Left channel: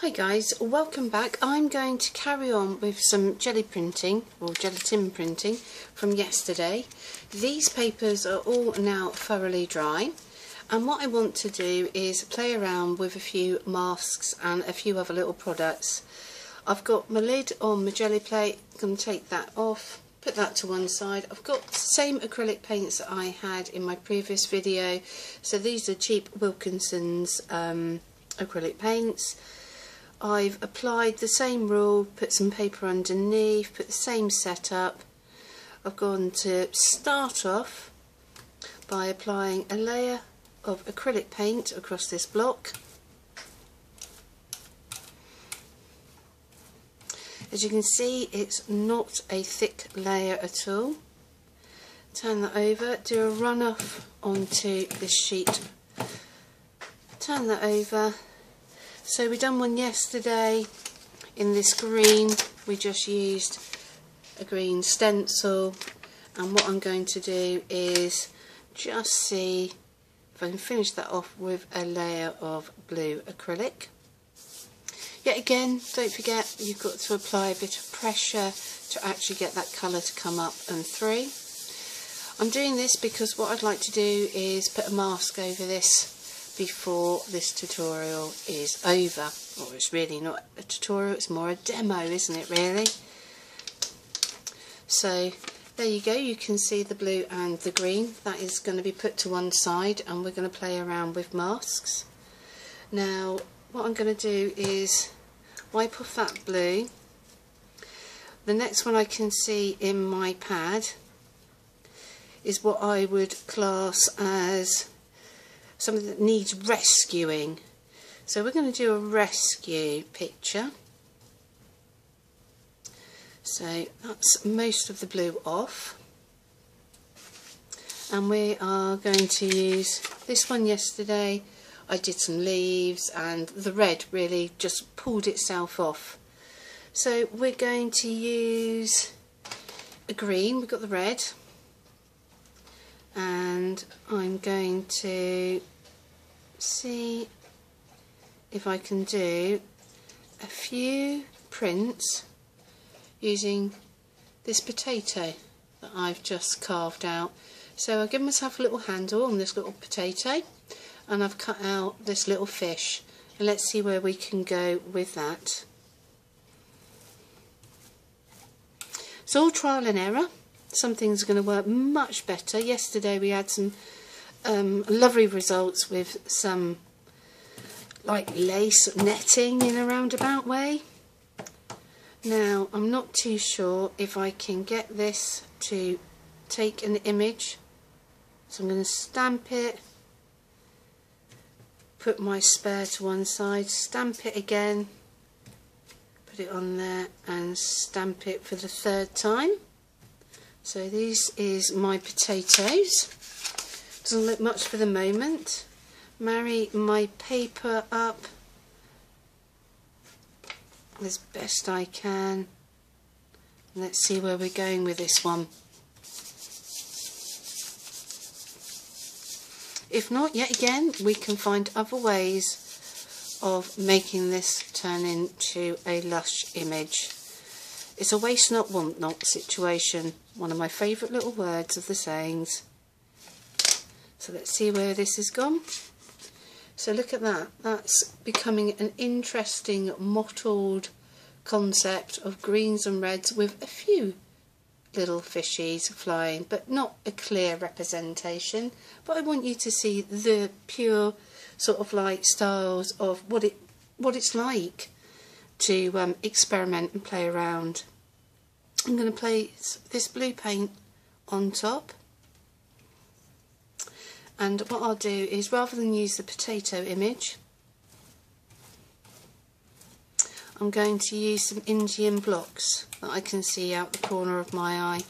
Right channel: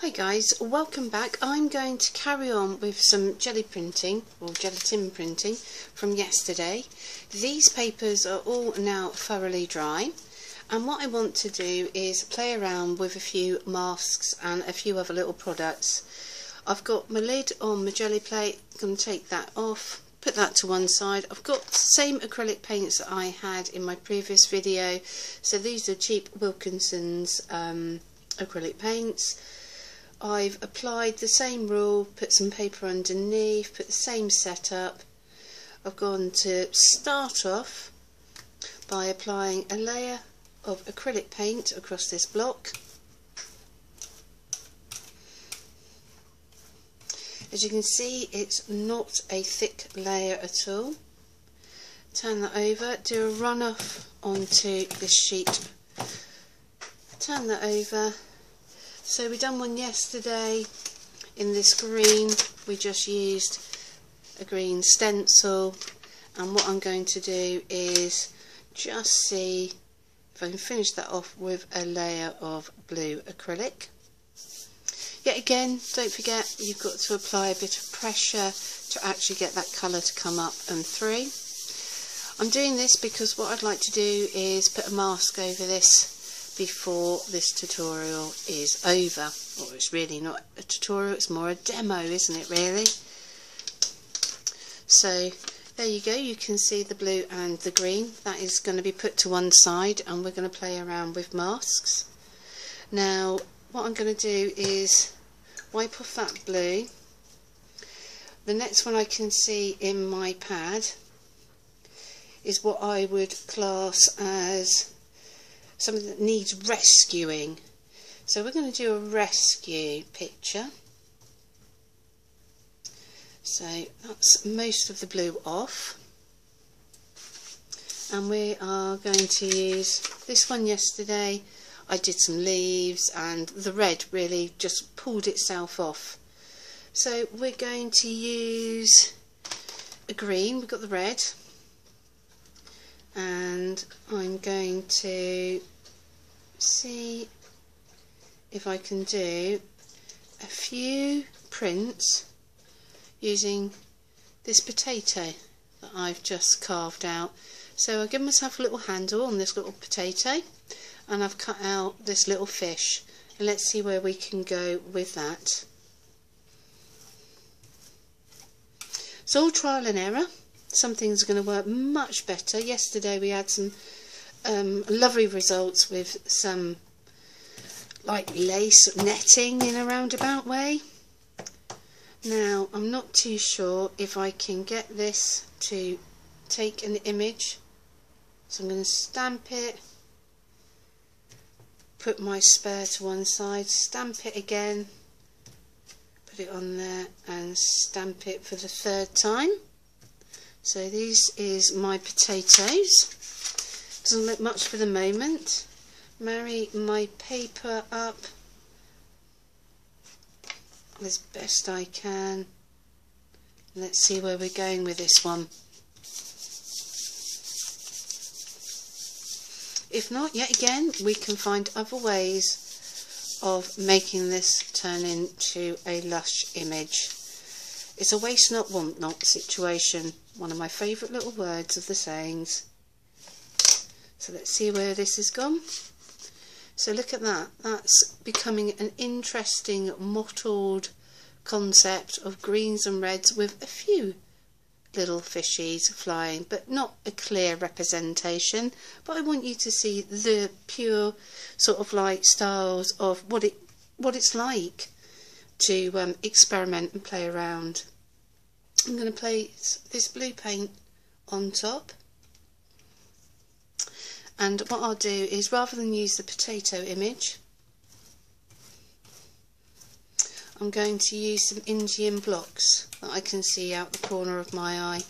Hi guys, welcome back. I'm going to carry on with some gelatin printing from yesterday. These papers are all now thoroughly dry, and what I want to do is play around with a few masks and a few other little products. I've got my lid on my jelly plate. I'm going to take that off, put that to one side. I've got the same acrylic paints that I had in my previous video. So these are cheap Wilkinson's acrylic paints. I've applied the same rule, put some paper underneath, put the same setup. I've gone to start off by applying a layer of acrylic paint across this block. As you can see, it's not a thick layer at all. Turn that over, do a run off onto the sheet. Turn that over. So we done one yesterday in this green. We just used a green stencil, and what I'm going to do is just see if I can finish that off with a layer of blue acrylic. Yet again, don't forget you've got to apply a bit of pressure to actually get that colour to come up and through. I'm doing this because what I'd like to do is put a mask over this before this tutorial is over. Or it's really not a tutorial, it's more a demo, isn't it really? So there you go, you can see the blue and the green. That is going to be put to one side, and we're going to play around with masks. Now what I'm going to do is wipe off that blue. The next one I can see in my pad is what I would class as something that needs rescuing. So we're going to do a rescue picture. So that's most of the blue off. And we are going to use this one yesterday. I did some leaves, and the red really just pulled itself off. So we're going to use a green, we've got the red, and I'm going to see if I can do a few prints using this potato that I've just carved out. So I've given myself a little handle on this little potato, and I've cut out this little fish, and let's see where we can go with that. It's all trial and error. Something's going to work much better. Yesterday we had some lovely results with some like lace netting in a roundabout way. Now I'm not too sure if I can get this to take an image, so I'm going to stamp it, put my spare to one side, stamp it again, put it on there and stamp it for the third time. So this is my potatoes. Doesn't look much for the moment. Marry my paper up as best I can. Let's see where we're going with this one. If not, yet again, we can find other ways of making this turn into a lush image. It's a waste not, want not situation. One of my favourite little words of the sayings. So let's see where this has gone. So look at that. That's becoming an interesting mottled concept of greens and reds with a few little fishies flying, but not a clear representation. But I want you to see the pure sort of like styles of what it's like to experiment and play around. I'm going to place this blue paint on top, and what I'll do is, rather than use the potato image, I'm going to use some Indian blocks that I can see out the corner of my eye.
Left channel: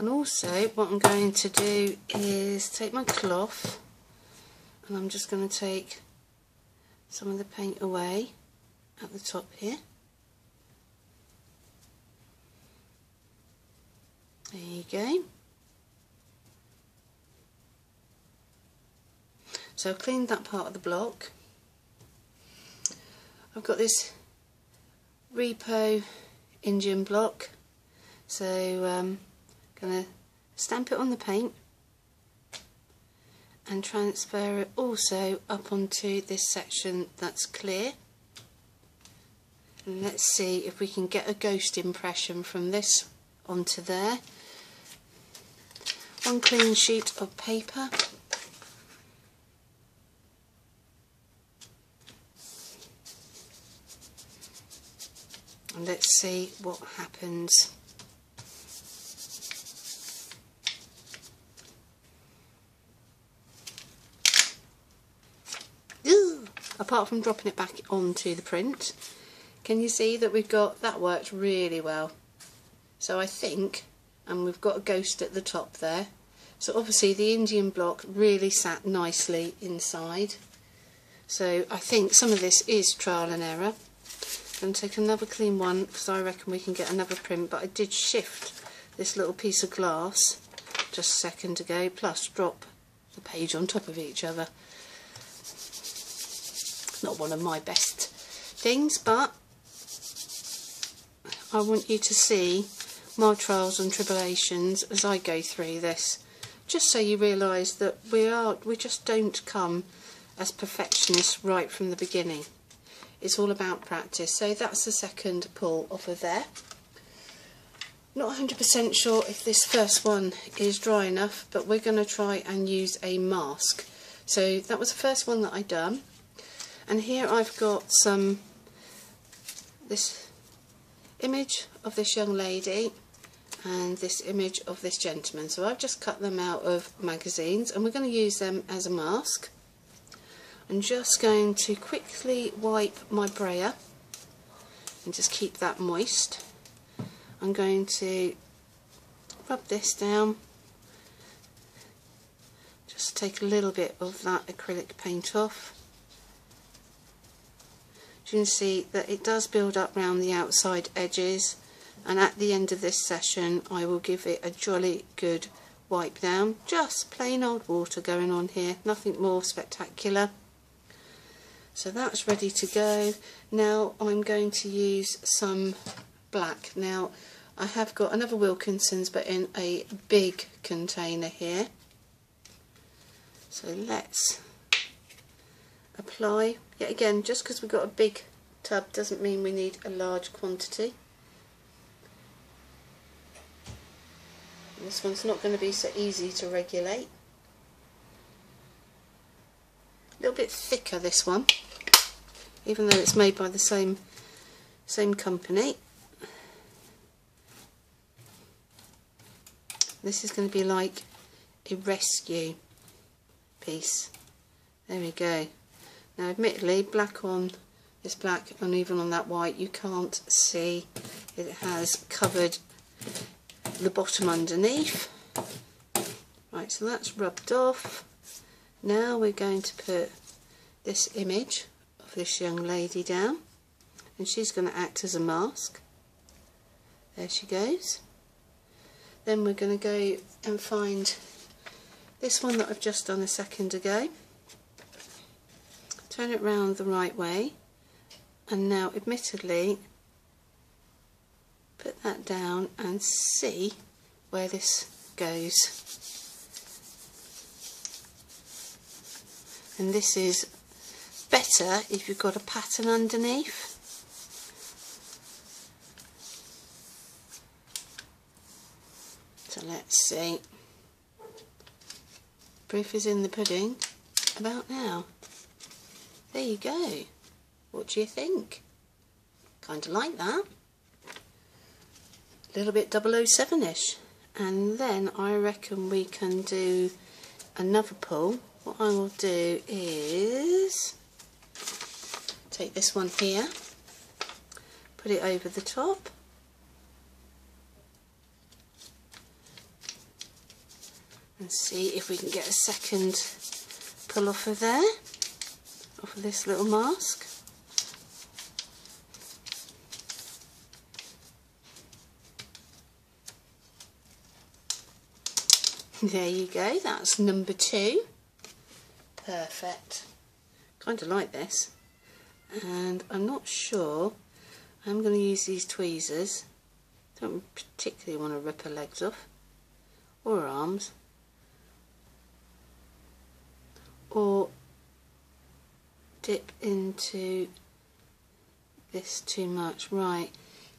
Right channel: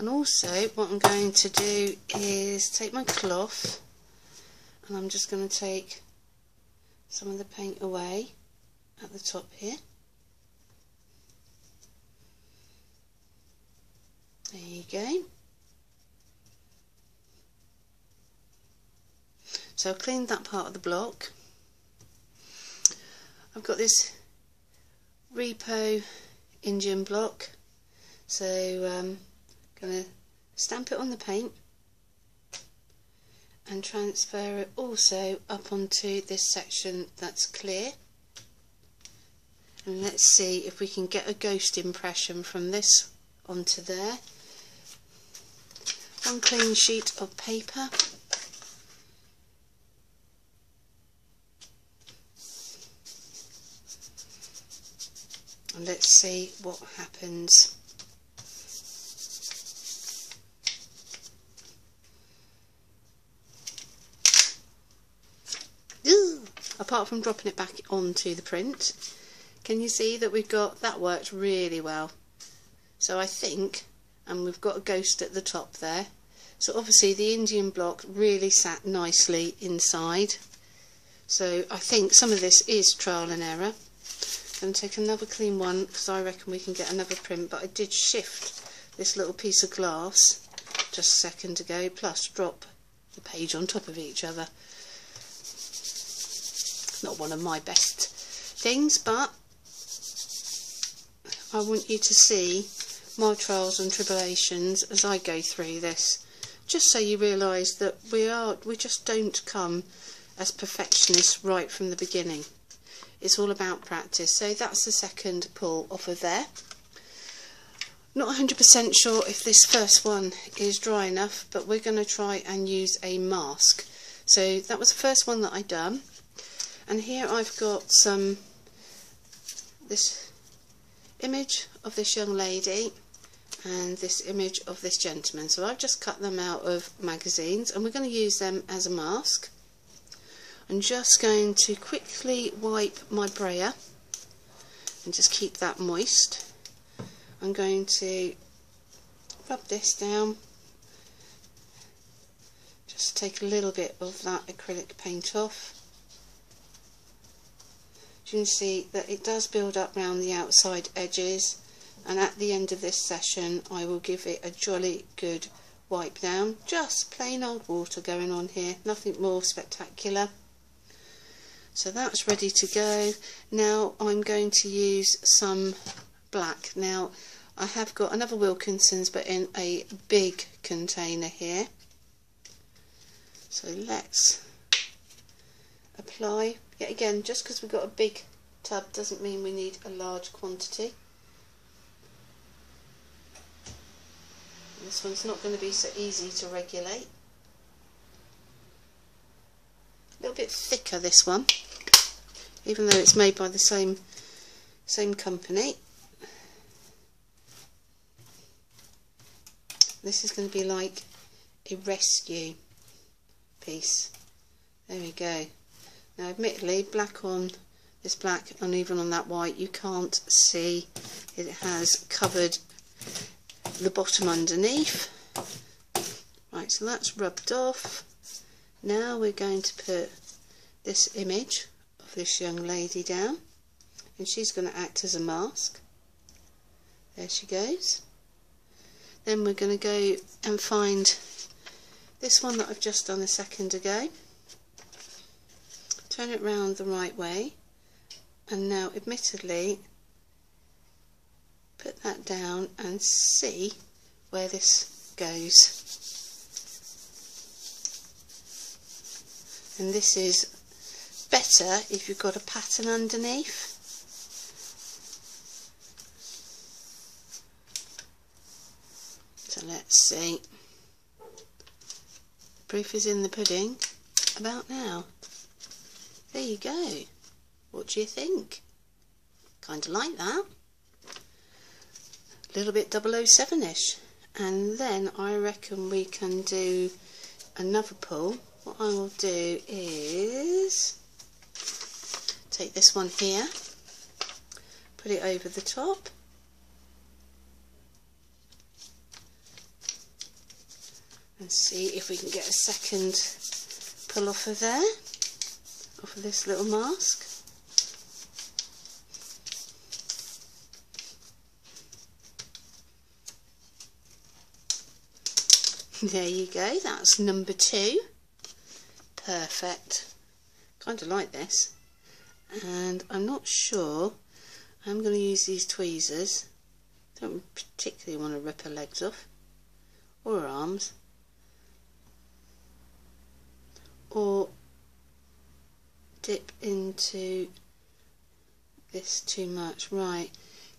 And also what I'm going to do is take my cloth, and I'm just going to take some of the paint away at the top here. There you go. So I've cleaned that part of the block. I've got this Repo Indian block, so I'm going to stamp it on the paint and transfer it also up onto this section that's clear. And let's see if we can get a ghost impression from this onto there. One clean sheet of paper. And let's see what happens. Apart from dropping it back onto the print, can you see that that worked really well? So I think, and we've got a ghost at the top there, so obviously the Indian block really sat nicely inside. So I think some of this is trial and error. I'm going to take another clean one because I reckon we can get another print, but I did shift this little piece of glass just a second ago, plus drop the page on top of each other. Not one of my best things, but I want you to see my trials and tribulations as I go through this, just so you realise that we just don't come as perfectionists right from the beginning. It's all about practice. So that's the second pull off of there. Not 100% sure if this first one is dry enough, but we're going to try and use a mask. So that was the first one that I done. And here I've got this image of this young lady and this image of this gentleman. So I've just cut them out of magazines and we're going to use them as a mask. I'm just going to quickly wipe my brayer and just keep that moist. I'm going to rub this down, just take a little bit of that acrylic paint off. You can see that it does build up around the outside edges, and at the end of this session I will give it a jolly good wipe down. Just plain old water going on here, nothing more spectacular. So that's ready to go. Now I'm going to use some black. Now I have got another Wilkinson's but in a big container here. So let's apply. Yet again, just because we've got a big tub doesn't mean we need a large quantity. This one's not going to be so easy to regulate. A little bit thicker, this one, even though it's made by the same company. This is going to be like a rescue piece. There we go. Now admittedly, black on this black and even on that white you can't see, it has covered the bottom underneath. Right, so that's rubbed off. Now we're going to put this image of this young lady down and she's going to act as a mask. There she goes. Then we're going to go and find this one that I've just done a second ago. Turn it round the right way, and now admittedly put that down and see where this goes. And this is better if you've got a pattern underneath. So let's see. Proof is in the pudding about now. There you go. What do you think? Kind of like that. A little bit 007-ish. And then I reckon we can do another pull. What I will do is take this one here, put it over the top, and see if we can get a second pull off of there. Off of this little mask. There you go, that's number 2. perfect. Kind of like this. And I'm not sure. I'm going to use these tweezers. Don't particularly want to rip her legs off. Or her arms. Or dip into this too much. Right.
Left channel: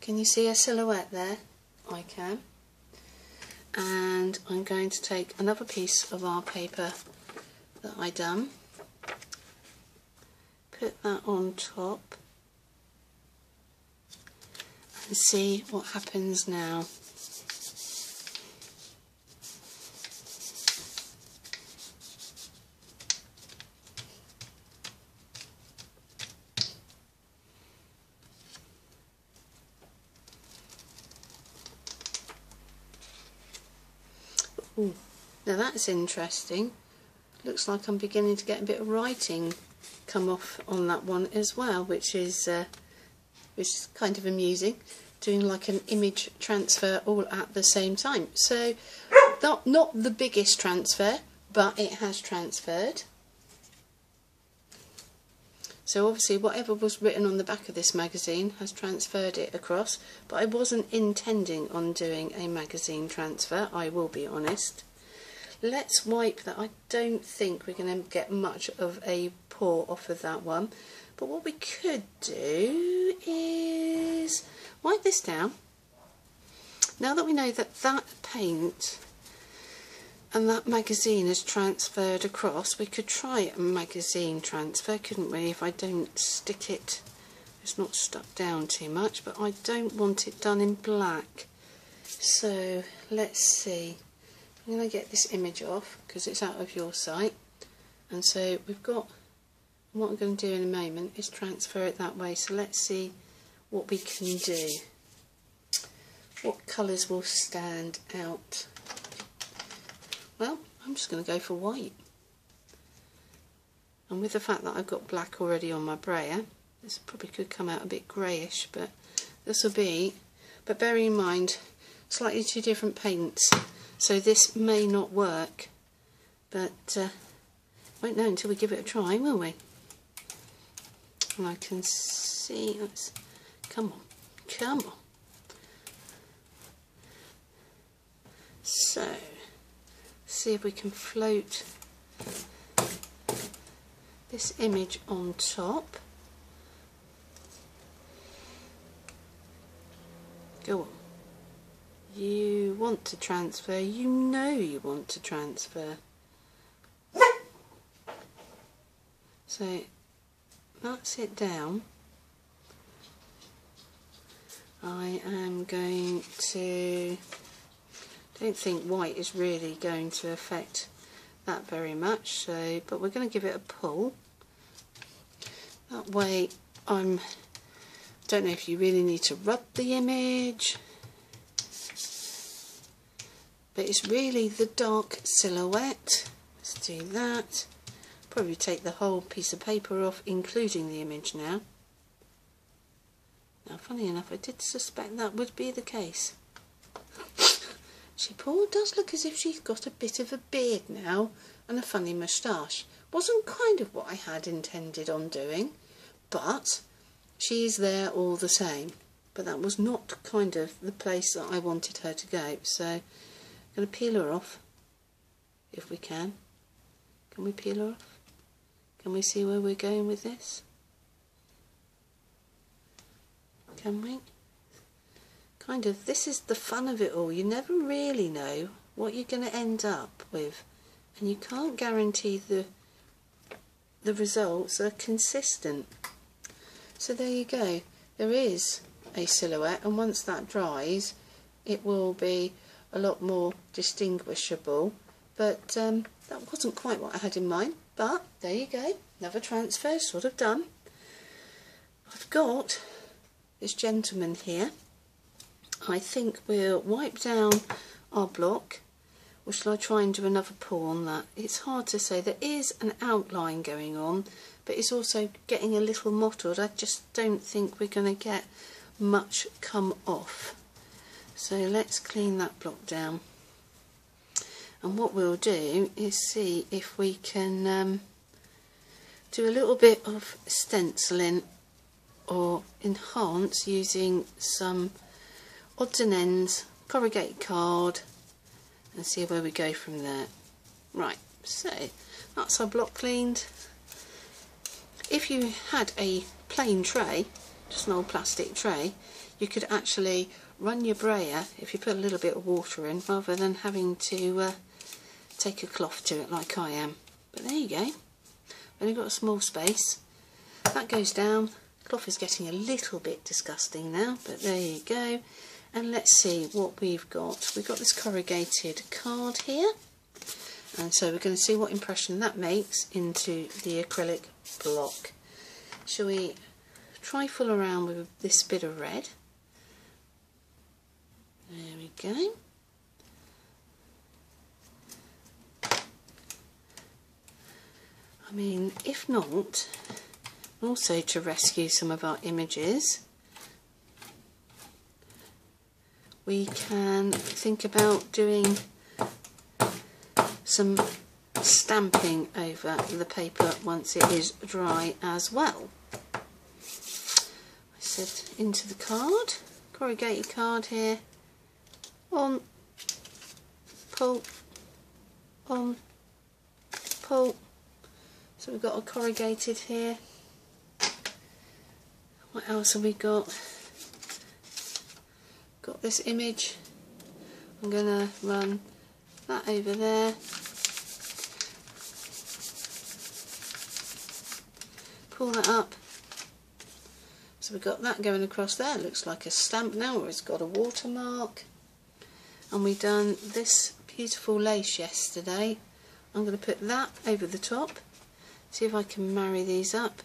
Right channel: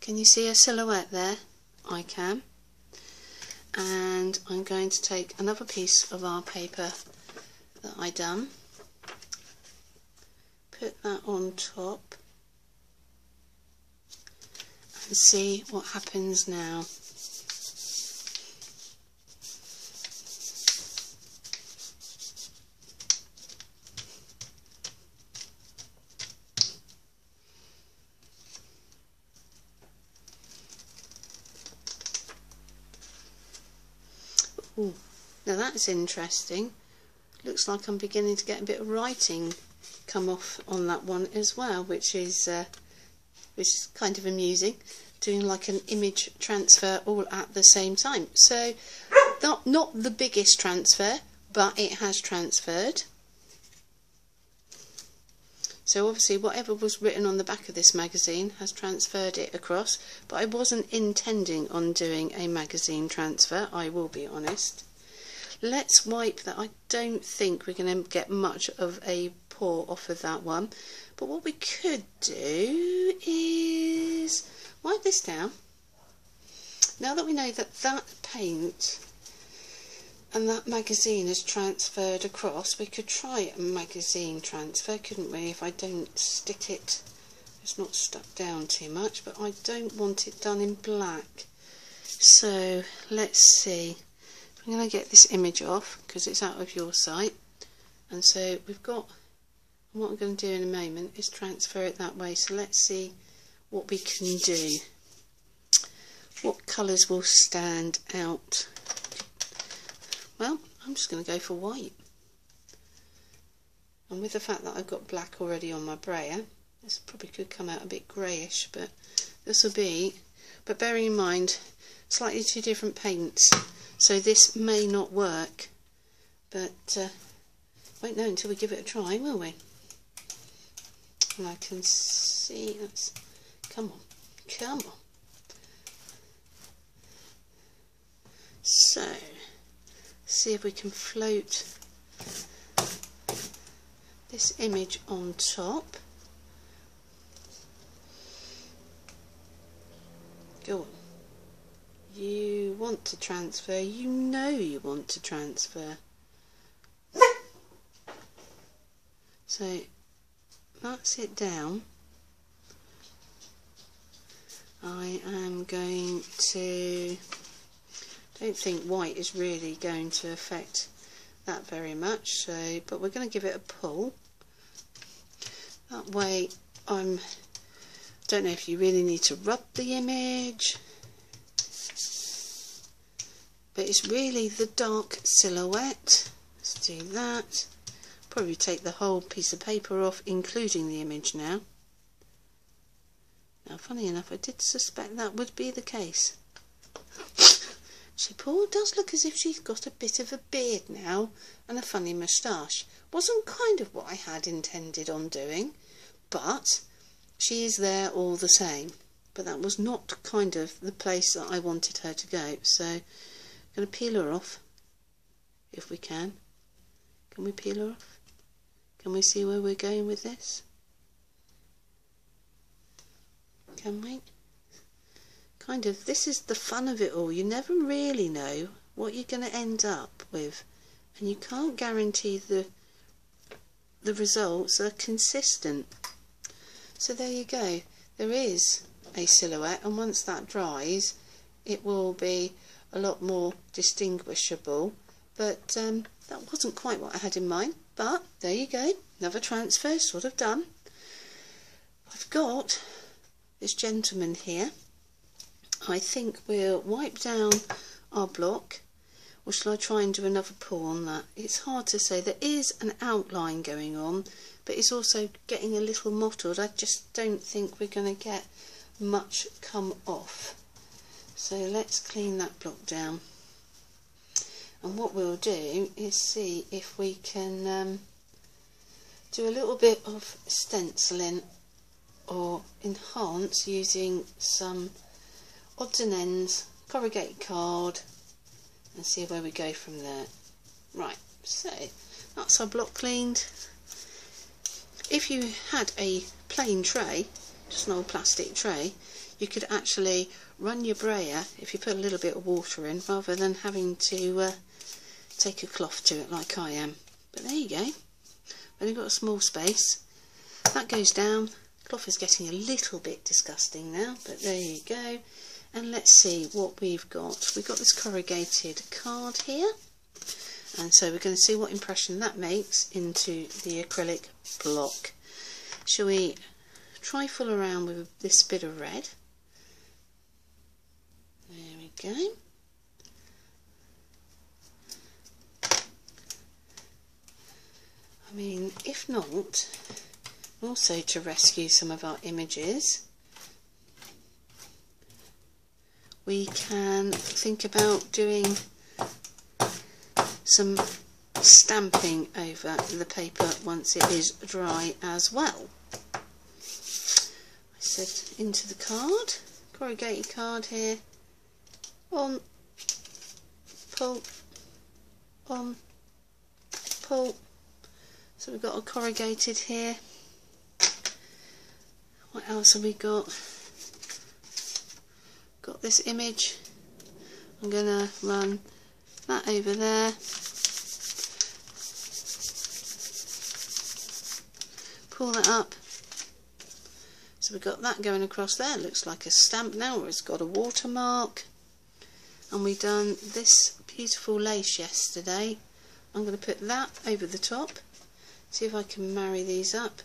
Can you see a silhouette there? I can. And I'm going to take another piece of our paper that I done. Put that on top. And see what happens now. Now that's interesting. Looks like I'm beginning to get a bit of writing come off on that one as well, which is kind of amusing. Doing like an image transfer all at the same time. So not the biggest transfer, but it has transferred. So obviously whatever was written on the back of this magazine has transferred it across, but I wasn't intending on doing a magazine transfer, I will be honest. Let's wipe that. I don't think we're going to get much of a pour off of that one, but what we could do is wipe this down. Now that we know that that paint and that magazine is transferred across, we could try a magazine transfer, couldn't we, if I didn't stick it. It's not stuck down too much, but I don't want it done in black. So let's see. I'm going to get this image off because it's out of your sight. And so we've got, what I'm going to do in a moment is transfer it that way. So let's see what we can do. What colours will stand out? Well, I'm just going to go for white. And with the fact that I've got black already on my brayer, this probably could come out a bit greyish, but this will be, but bearing in mind, slightly two different paints, so this may not work, but won't know until we give it a try, will we? And I can see, let's, come on, come on. So, see if we can float this image on top. Go on. You want to transfer, you know you want to transfer. So, that's it down. I am going to, I don't think white is really going to affect that very much, so, but we're going to give it a pull. That way, don't know if you really need to rub the image, but it's really the dark silhouette. Let's do that. Probably take the whole piece of paper off, including the image now. Now, funny enough, I did suspect that would be the case. She does look as if she's got a bit of a beard now and a funny moustache. Wasn't kind of what I had intended on doing, but she's there all the same. But that was not kind of the place that I wanted her to go. So I'm going to peel her off, if we can. Can we peel her off? Can we see where we're going with this? Can we? Kind of, this is the fun of it all. You never really know what you're going to end up with, and you can't guarantee the results are consistent. So there you go. There is a silhouette, and once that dries, it will be a lot more distinguishable. But that wasn't quite what I had in mind. But there you go. Another transfer sort of done. I've got this gentleman here. I think we'll wipe down our block, or shall I try and do another pour on that? It's hard to say. There is an outline going on, but it's also getting a little mottled. I just don't think we're going to get much come off. So let's clean that block down. And what we'll do is see if we can do a little bit of stenciling or enhance using some odds and ends, corrugated card, and see where we go from there. Right, so that's our block cleaned. If you had a plain tray, just an old plastic tray, you could actually run your brayer, if you put a little bit of water in, rather than having to take a cloth to it like I am. But there you go, only got a small space. That goes down. The cloth is getting a little bit disgusting now, but there you go. And let's see what we've got. We've got this corrugated card here, and so we're going to see what impression that makes into the acrylic block. Shall we try full around with this bit of red? There we go. I mean, if not, also to rescue some of our images, we can think about doing some stamping over the paper once it is dry as well. I said into the card, corrugated card here, on, pull, on, pull. So we've got a corrugated here. What else have we got? Got this image. I'm going to run that over there. Pull that up. So we've got that going across there. It looks like a stamp now, or it's got a watermark. And we've done this beautiful lace yesterday. I'm going to put that over the top. See if I can marry these up.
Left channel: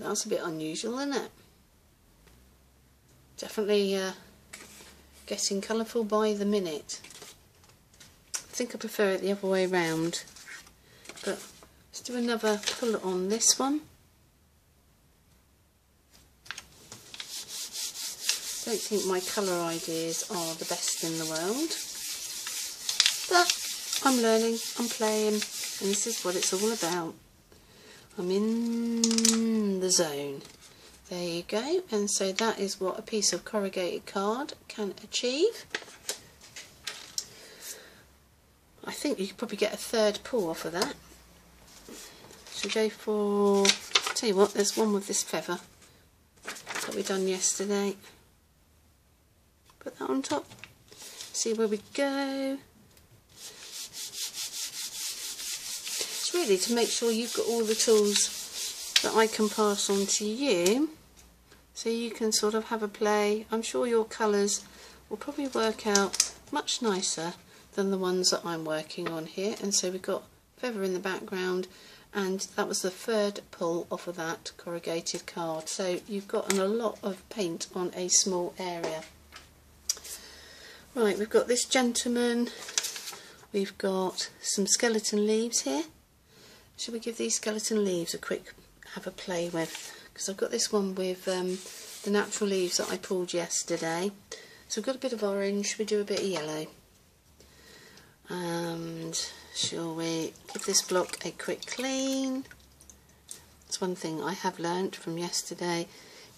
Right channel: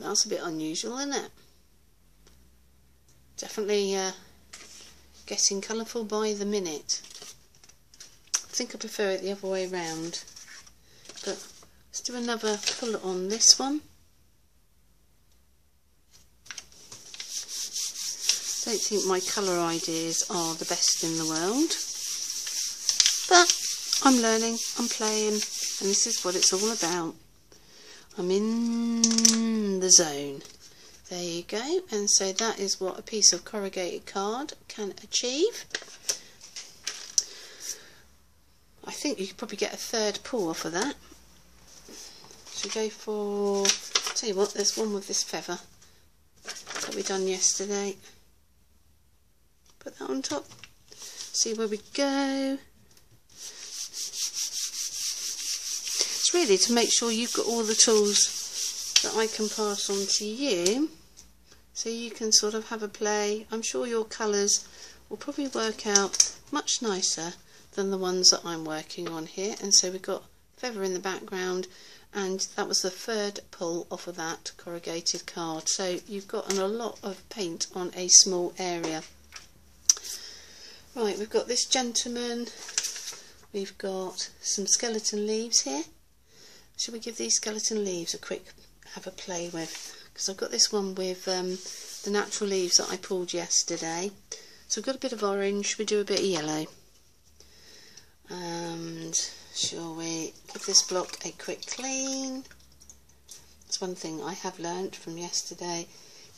That's a bit unusual, isn't it? Definitely getting colourful by the minute. I think I prefer it the other way round. But let's do another pull on this one. I don't think my colour ideas are the best in the world. But I'm learning, I'm playing, and this is what it's all about. I'm in the zone. There you go. And so that is what a piece of corrugated card can achieve. I think you could probably get a third pull off of that. So go for, I'll tell you what, there's one with this feather that we done yesterday. Put that on top. See where we go. Really to make sure you've got all the tools that I can pass on to you, so you can sort of have a play. I'm sure your colours will probably work out much nicer than the ones that I'm working on here. And so we've got feather in the background, and that was the third pull off of that corrugated card. So you've gotten a lot of paint on a small area. Right, we've got this gentleman, we've got some skeleton leaves here. Should we give these skeleton leaves a quick have a play with? Because I've got this one with the natural leaves that I pulled yesterday. So we've got a bit of orange, we do a bit of yellow. And shall we give this block a quick clean? That's one thing I have learnt from yesterday.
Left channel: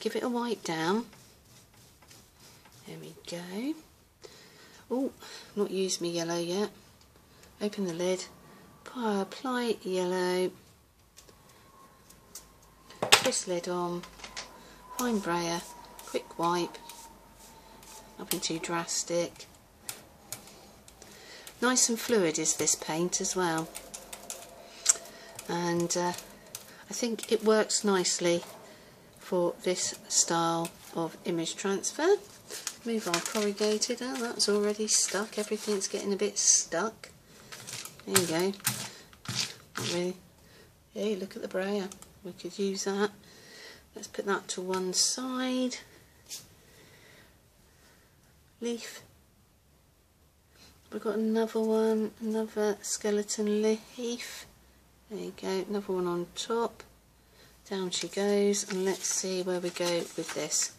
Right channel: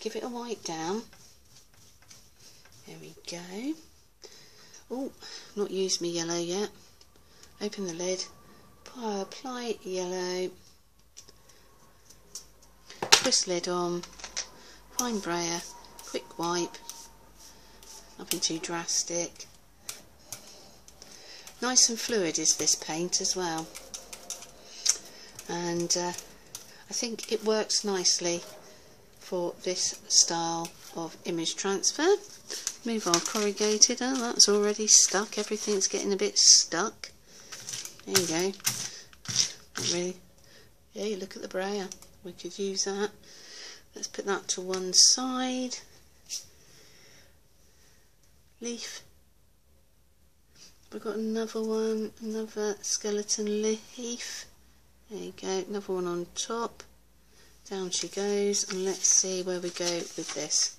Give it a wipe down. There we go. Oh, not used my yellow yet. Open the lid. Apply yellow, twist lid on, fine brayer, quick wipe, nothing too drastic. Nice and fluid is this paint as well, and I think it works nicely for this style of image transfer. Move our corrugated, oh that's already stuck, everything's getting a bit stuck. There you go. Really, hey, look at the brayer, we could use that. Let's put that to one side. Leaf. We've got another one, another skeleton leaf. There you go, another one on top. Down she goes, and let's see where we go with this.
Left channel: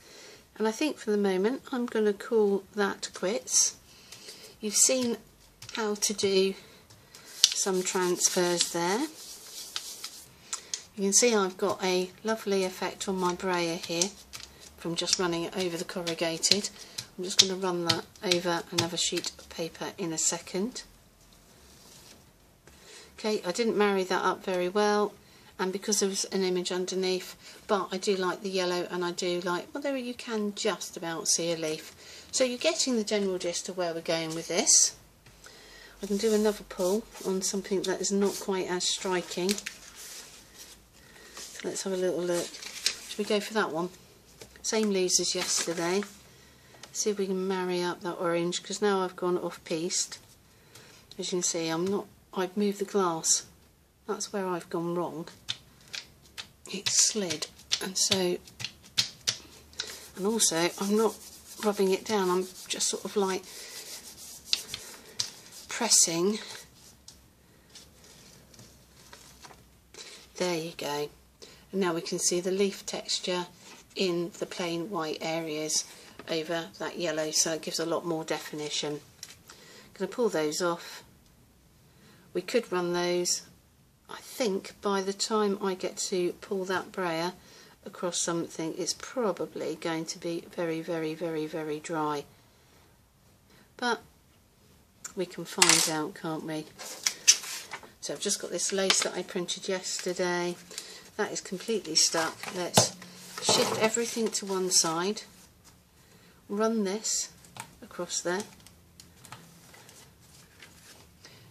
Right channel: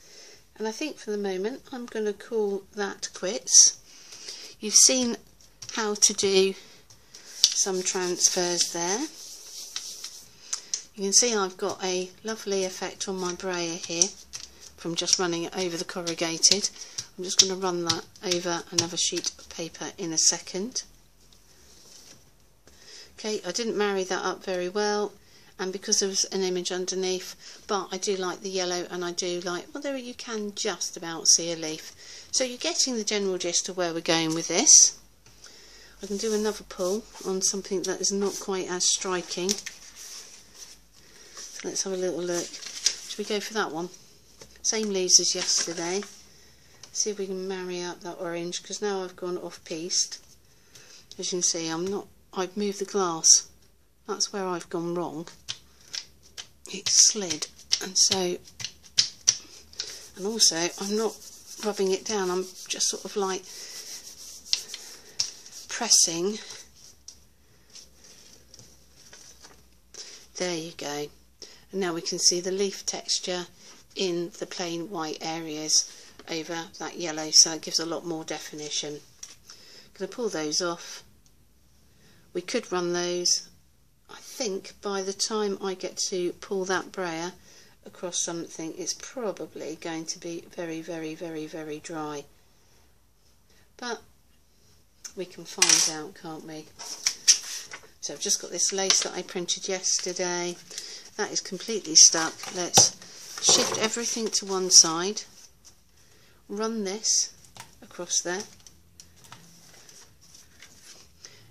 And I think for the moment I'm going to call that quits. You've seen how to do some transfers there. You can see I've got a lovely effect on my brayer here from just running it over the corrugated. I'm just going to run that over another sheet of paper in a second. Okay, I didn't marry that up very well, and because there was an image underneath, but I do like the yellow, and I do like, well, there you can just about see a leaf. So you're getting the general gist of where we're going with this. We can do another pull on something that is not quite as striking. So let's have a little look. Should we go for that one? Same leaves as yesterday. See if we can marry up that orange, because now I've gone off-piste. As you can see, I've moved the glass. That's where I've gone wrong. It slid, and so, and also I'm not rubbing it down, I'm just sort of like pressing. There you go. And now we can see the leaf texture in the plain white areas over that yellow, so it gives a lot more definition. I'm going to pull those off. We could run those. I think by the time I get to pull that brayer across something, it's probably going to be very, very, very, very dry. But we can find out, can't we? So I've just got this lace that I printed yesterday. That is completely stuck. Let's shift everything to one side. Run this across there.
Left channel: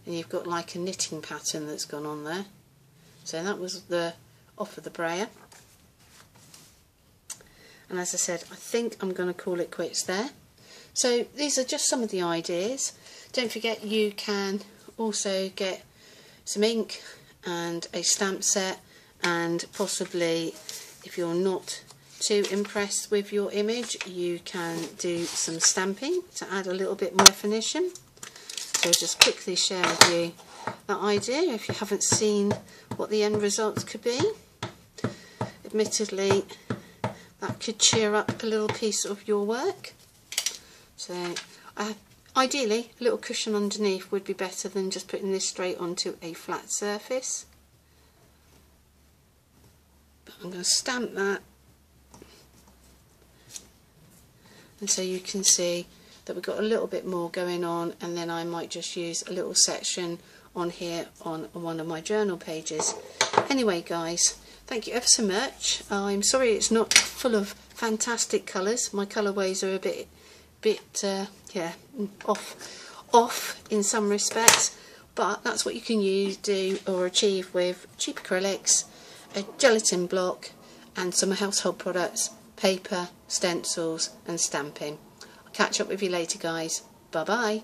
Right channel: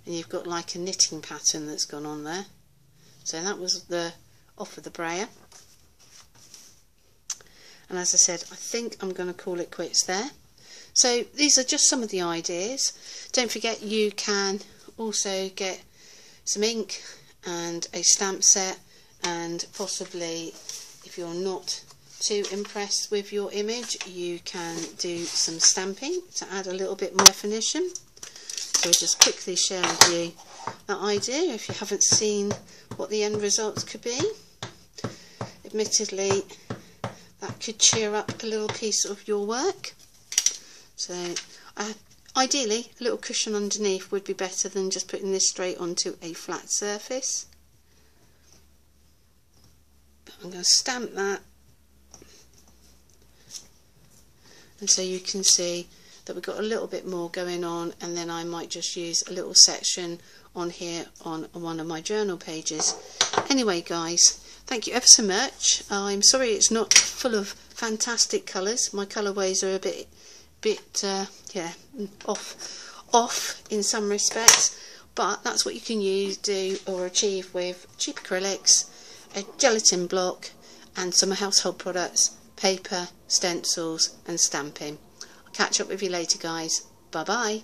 And you've got like a knitting pattern that's gone on there. So that was the off of the brayer. And as I said, I think I'm going to call it quits there. So these are just some of the ideas. Don't forget you can also get some ink and a stamp set, and possibly if you're not too impressed with your image, you can do some stamping to add a little bit more definition. So just quickly share with you that idea if you haven't seen what the end results could be. Admittedly, that could cheer up a little piece of your work. So ideally a little cushion underneath would be better than just putting this straight onto a flat surface. But I'm going to stamp that, and so you can see that we've got a little bit more going on, and then I might just use a little section on here on one of my journal pages. Anyway guys, thank you ever so much. I'm sorry it's not full of fantastic colours. My colourways are a bit off in some respects, but that's what you can do or achieve with cheap acrylics, a gelatin block and some household products, paper, stencils and stamping. I'll catch up with you later guys. Bye bye.